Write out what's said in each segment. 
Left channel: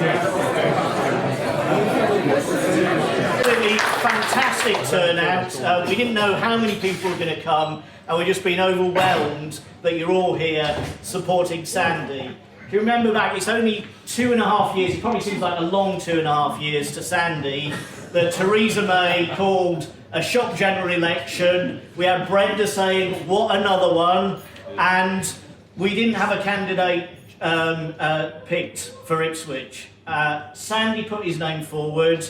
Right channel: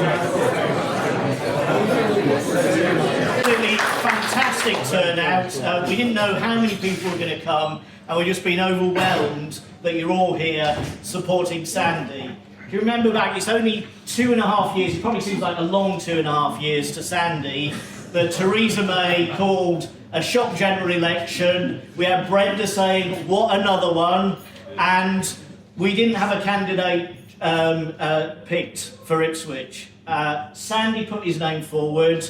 Really fantastic turnout. We didn't know how many people were going to come, and we've just been overwhelmed that you're all here supporting Sandy. If you remember back, it's only 2.5 years, it probably seems like a long 2.5 years to Sandy, that Theresa May called a shock general election. We had Brenda saying, what another one? And we didn't have a candidate picked for Ipswich. Sandy put his name forward,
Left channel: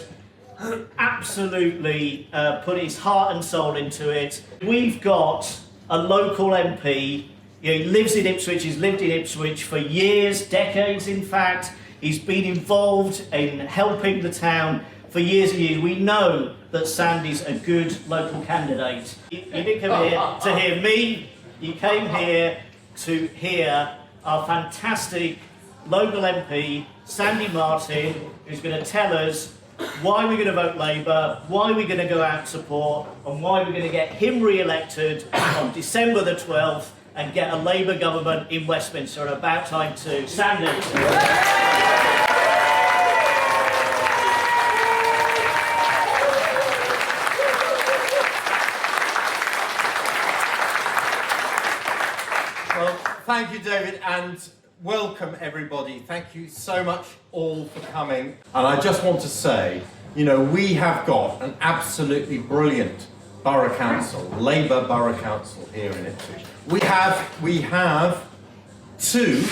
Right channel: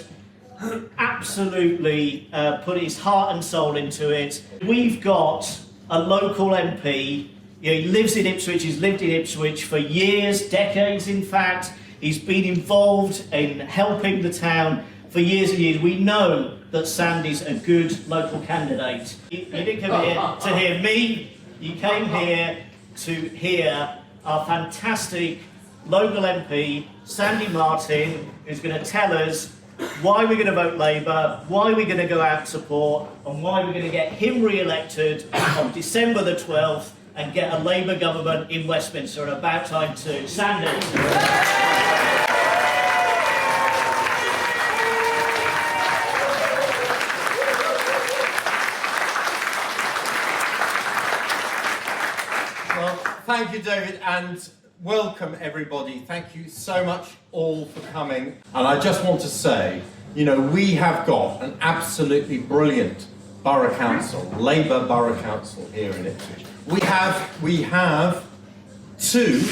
absolutely put his heart and soul into it. We've got a local MP, he lives in Ipswich, he's lived in Ipswich for years, decades in fact. He's been involved in helping the town for years and years. We know that Sandy's a good local candidate. You didn't come here to hear me, you came here to hear our fantastic local MP, Sandy Martin, who's going to tell us why we're going to vote Labour, why we're going to go out and support, and why we're going to get him re-elected on December the 12th and get a Labour government in Westminster, and about time too. Sandy. Well, thank you, David, and welcome everybody. Thank you so much all for coming. And I just want to say, you know, we have got an absolutely brilliant borough council, Labour borough council here in Ipswich. We have 2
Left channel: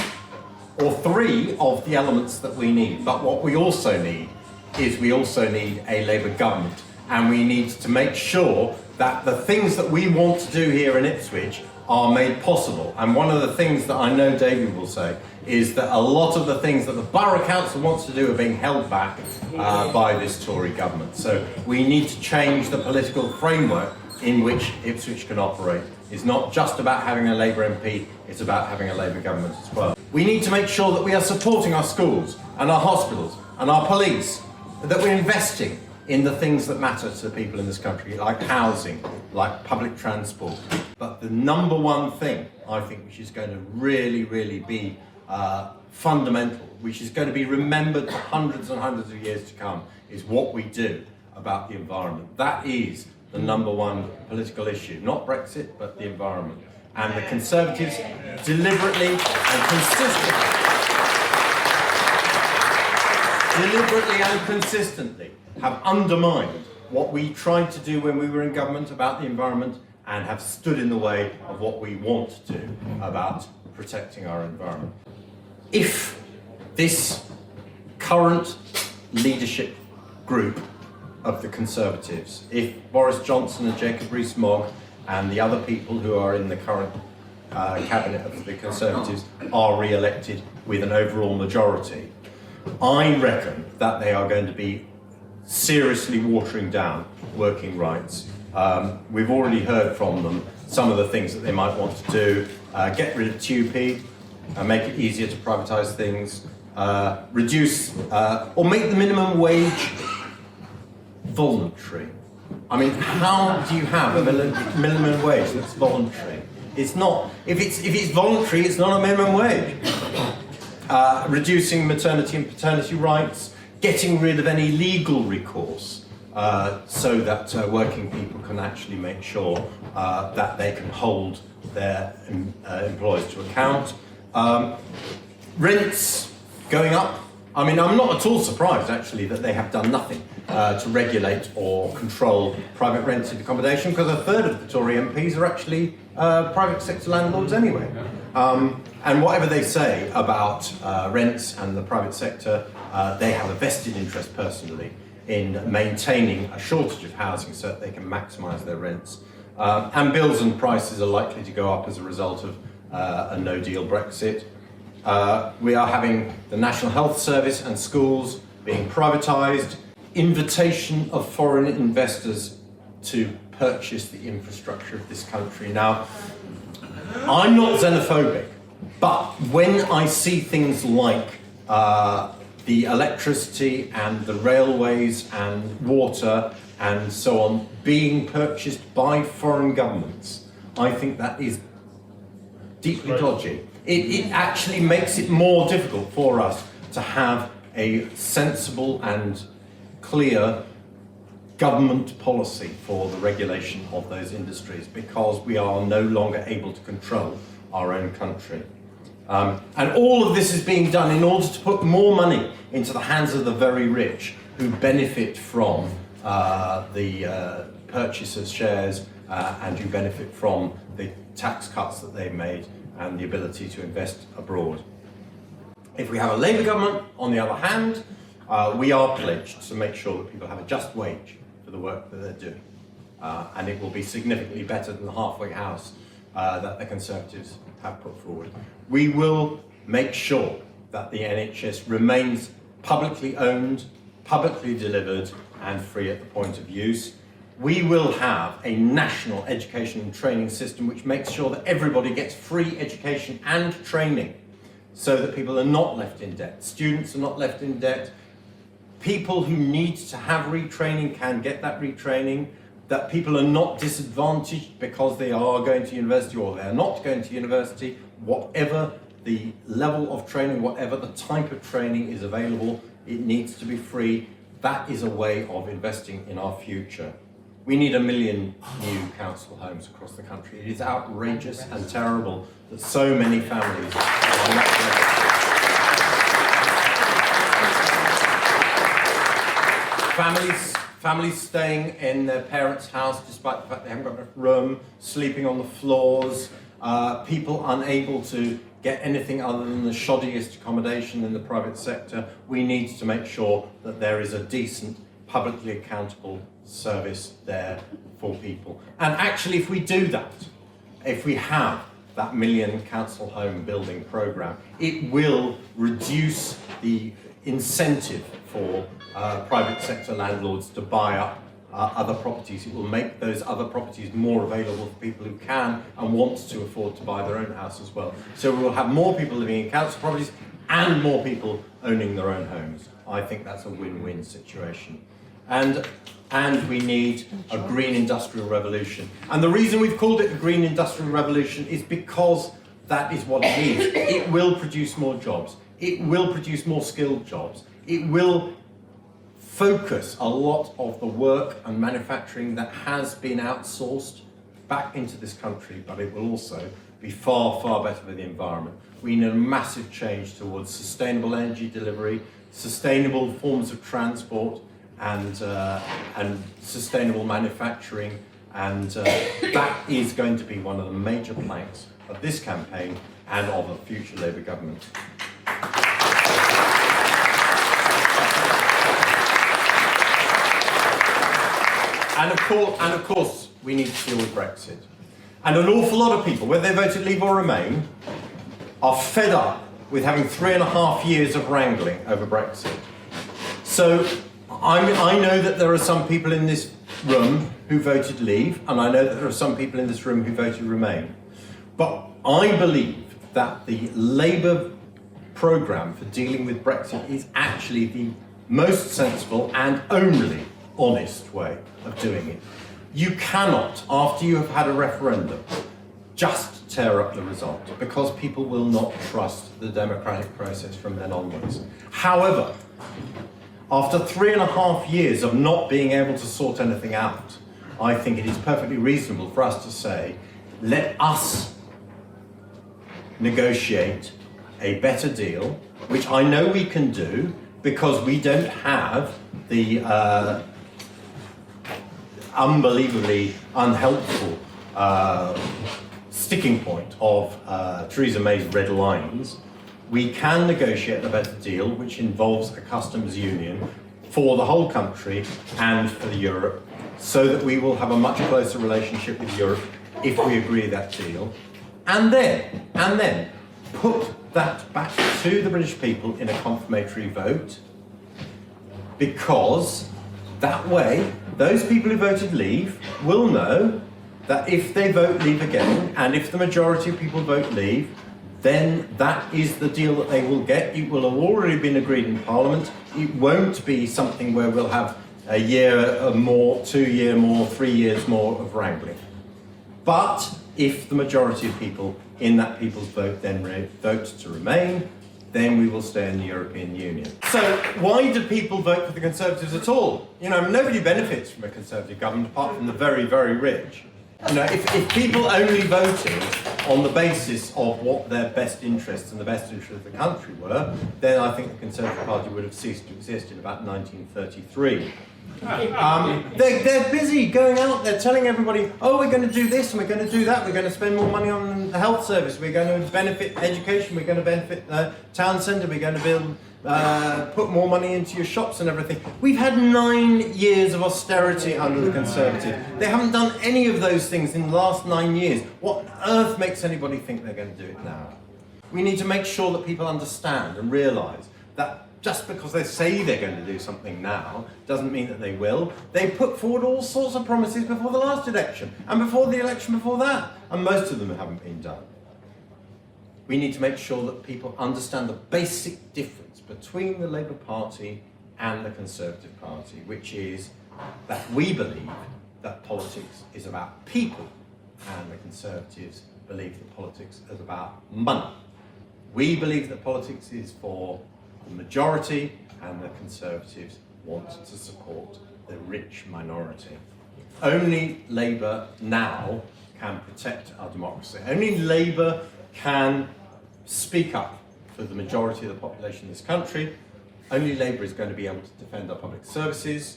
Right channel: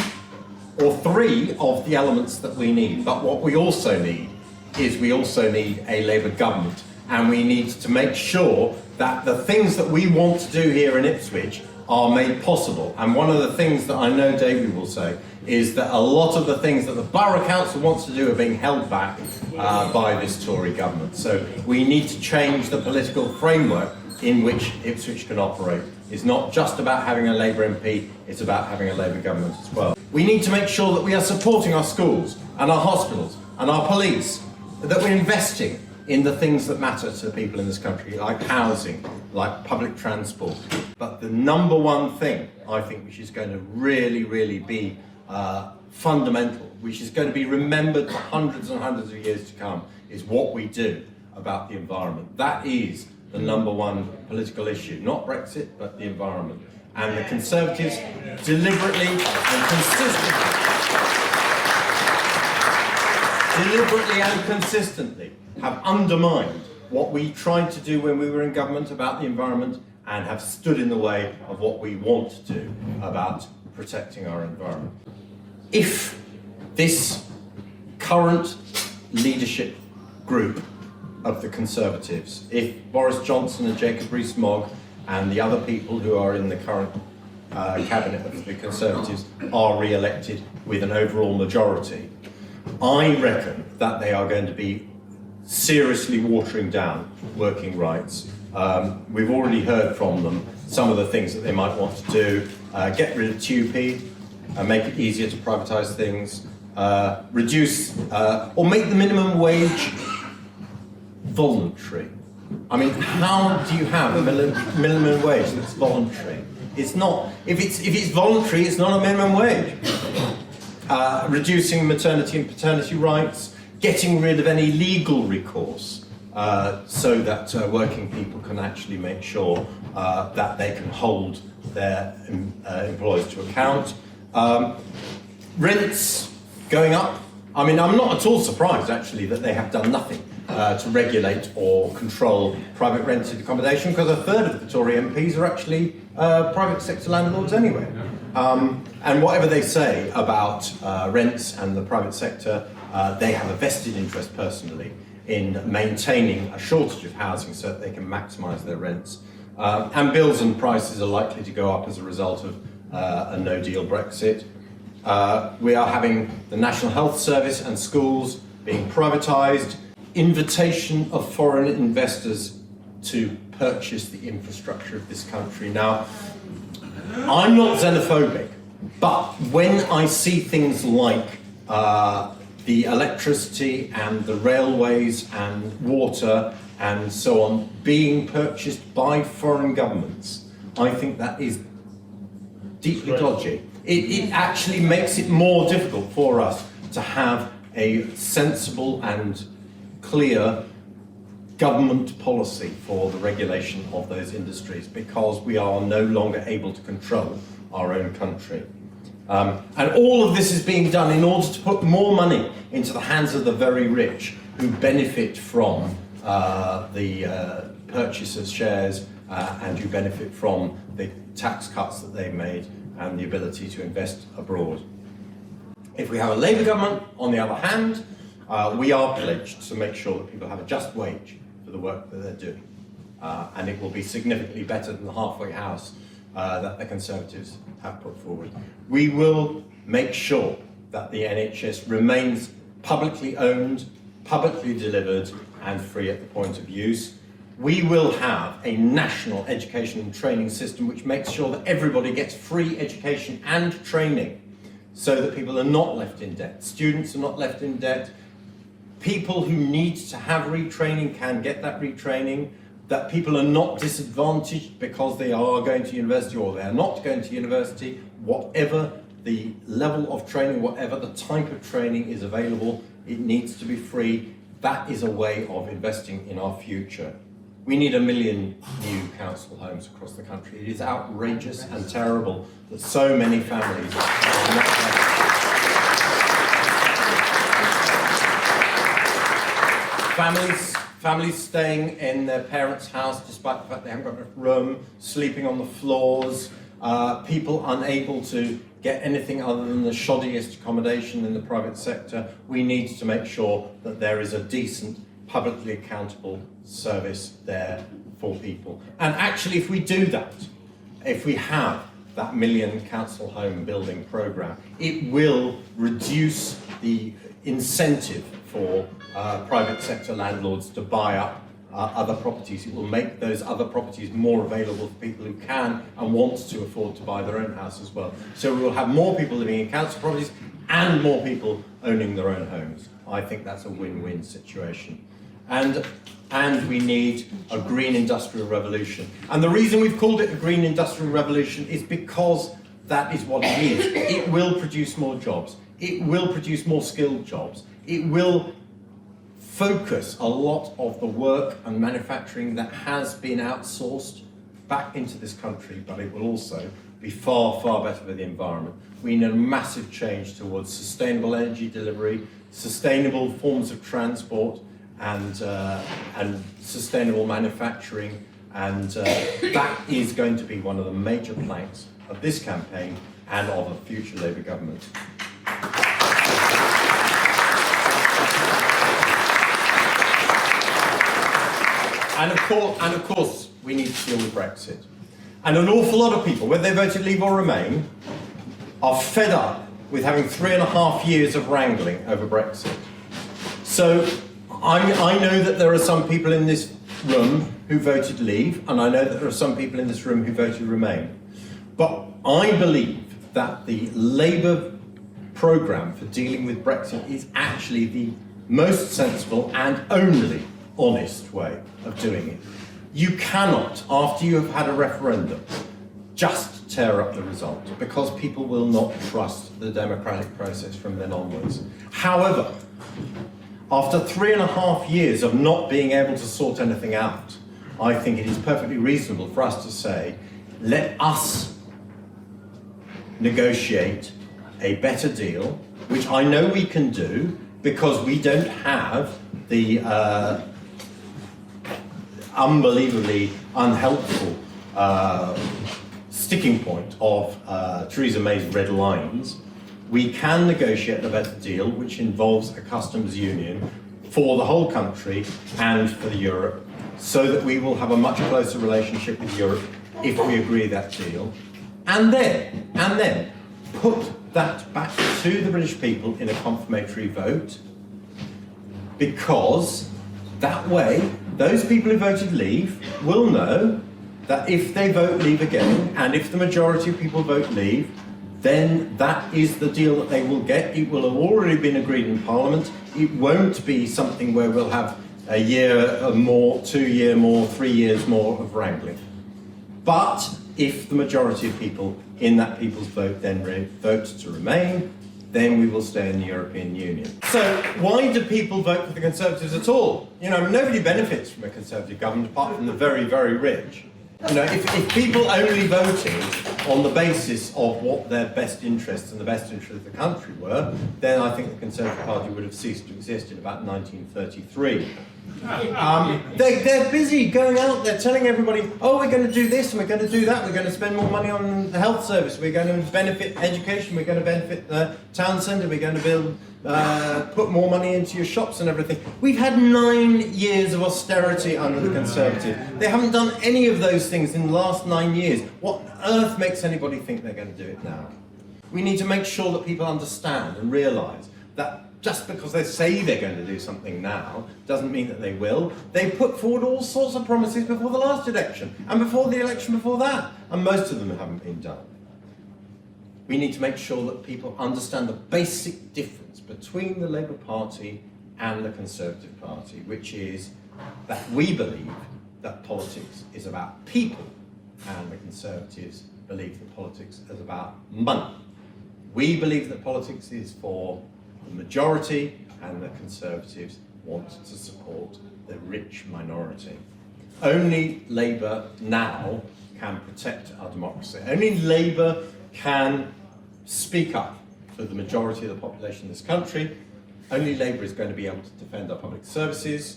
or 3 of the elements that we need, but what we also need is we also need a Labour government, and we need to make sure that the things that we want to do here in Ipswich are made possible. And one of the things that I know David will say is that a lot of the things that the Borough Council wants to do are being held back by this Tory government. So we need to change the political framework in which Ipswich can operate. It's not just about having a Labour MP, it's about having a Labour government as well. We need to make sure that we are supporting our schools and our hospitals and our police, that we're investing in the things that matter to the people in this country, like housing, like public transport. But the number one thing, I think, which is going to really, really be fundamental, which is going to be remembered for hundreds and hundreds of years to come, is what we do about the environment. That is the number one political issue, not Brexit, but the environment. And the Conservatives deliberately and consistently have undermined what we tried to do when we were in government about the environment, and have stood in the way of what we want to do about protecting our environment. If this current leadership group of the Conservatives, if Boris Johnson and Jacob Rees-Mogg and the other people who are in the current cabinet of the Conservatives are re-elected with an overall majority, I reckon that they are going to be seriously watering down working rights. We've already heard from them some of the things that they might want to do. Get rid of TUP, make it easier to privatise things, reduce or make the minimum wage voluntary. I mean, how do you have a minimum wage that's voluntary? It's not. If it's voluntary, it's not a minimum wage. Reducing maternity and paternity rights, getting rid of any legal recourse, so that working people can actually make sure that they can hold their employers to account. Rents going up. I mean, I'm not at all surprised actually that they have done nothing to regulate or control private rented accommodation, because a third of the Tory MPs are actually private sector landlords anyway. And whatever they say about rents and the private sector, they have a vested interest personally in maintaining a shortage of housing so that they can maximise their rents. And bills and prices are likely to go up as a result of a no-deal Brexit. We are having the National Health Service and schools being privatised, invitation of foreign investors to purchase the infrastructure of this country. Now, I'm not xenophobic, but when I see things like the electricity and the railways and water and so on being purchased by foreign governments, I think that is deeply dodgy. It actually makes it more difficult for us to have a sensible and clear government policy for the regulation of those industries, because we are no longer able to control our own country. And all of this is being done in order to put more money into the hands of the very rich, who benefit from the purchase of shares and who benefit from the tax cuts that they've made and the ability to invest abroad. If we have a Labour government, on the other hand, we are pledged to make sure that people have a just wage for the work that they're doing. And it will be significantly better than the halfway house that the Conservatives have put forward. We will make sure that the NHS remains publicly owned, publicly delivered and free at the point of use. We will have a national education and training system which makes sure that everybody gets free education and training, so that people are not left in debt. Students are not left in debt. People who need to have retraining can get that retraining, that people are not disadvantaged because they are going to university or they are not going to university. Whatever the level of training, whatever the type of training is available, it needs to be free. That is a way of investing in our future. We need 1 million new council homes across the country. It is outrageous and terrible that so many families are not Families staying in their parents' house despite the fact they haven't got enough room, sleeping on the floors, people unable to get anything other than the shoddiest accommodation in the private sector. We need to make sure that there is a decent, publicly accountable service there for people. And actually, if we do that, if we have that 1 million council home building programme, it will reduce the incentive for private sector landlords to buy up other properties. It will make those other properties more available for people who can and want to afford to buy their own house as well. So we will have more people living in council properties and more people owning their own homes. I think that's a win-win situation. And we need a green industrial revolution. And the reason we've called it a green industrial revolution is because that is what it is. It will produce more jobs. It will produce more skilled jobs. It will focus a lot of the work and manufacturing that has been outsourced back into this country, but it will also be far, far better for the environment. We need a massive change towards sustainable energy delivery, sustainable forms of transport, and sustainable manufacturing, and that is going to be one of the major planks of this campaign and of a future Labour government. And of course, we need to deal with Brexit. And an awful lot of people, whether they voted Leave or Remain, are fed up with having 3.5 years of wrangling over Brexit. So I know that there are some people in this room who voted Leave, and I know that there are some people in this room who voted Remain. But I believe that the Labour programme for dealing with Brexit is actually the most sensible and only honest way of doing it. You cannot, after you have had a referendum, just tear up the result, because people will not trust the democratic process from then onwards. However, after 3.5 years of not being able to sort anything out, I think it is perfectly reasonable for us to say, let us negotiate a better deal, which I know we can do because we don't have the unbelievably unhelpful sticking point of Theresa May's red lines. We can negotiate a better deal which involves a customs union for the whole country and for Europe, so that we will have a much closer relationship with Europe if we agree that deal, and then put that back to the British people in a confirmatory vote, because that way those people who voted Leave will know that if they vote Leave again, and if the majority of people vote Leave, then that is the deal that they will get. It will have already been agreed in Parliament. It won't be something where we'll have a year more, 2 years more, 3 years more of wrangling. But if the majority of people in that people's vote then vote to remain, then we will stay in the European Union. So why do people vote for the Conservatives at all? You know, nobody benefits from a Conservative government apart from the very, very rich. You know, if people only voted on the basis of what their best interests and the best interests of the country were, then I think the Conservative Party would have ceased to exist in about 1933. They're busy going out there telling everybody, oh, we're going to do this and we're going to do that, we're going to spend more money on the health service, we're going to benefit education, we're going to benefit town centre, we're going to build, put more money into your shops and everything. We've had 9 years of austerity under the Conservatives. They haven't done any of those things in the last 9 years. What on earth makes anybody think they're going to do it now? We need to make sure that people understand and realise that just because they say they're going to do something now doesn't mean that they will. They put forward all sorts of promises before the last election and before the election before that, and most of them haven't been done. We need to make sure that people understand the basic difference between the Labour Party and the Conservative Party, which is that we believe that politics is about people and the Conservatives believe that politics is about money. We believe that politics is for the majority and the Conservatives want to support the rich minority. Only Labour now can protect our democracy. Only Labour can speak up for the majority of the population in this country. Only Labour is going to be able to defend our public services.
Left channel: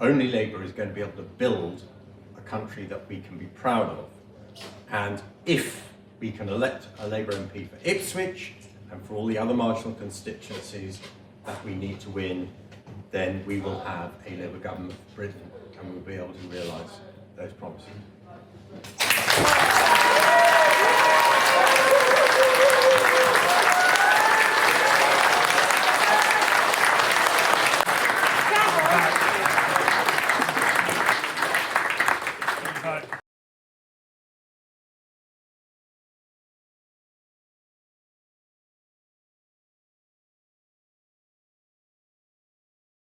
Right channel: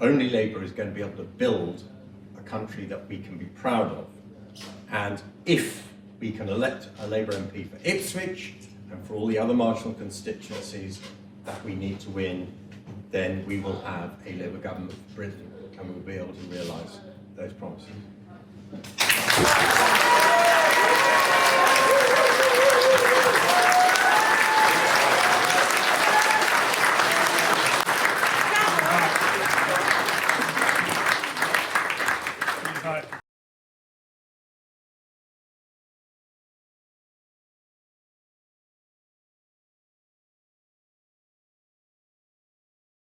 Only Labour is going to be able to build a country that we can be proud of. And if we can elect a Labour MP for Ipswich and for all the other marginal constituencies that we need to win, then we will have a Labour government for Britain and we'll be able to realise those promises.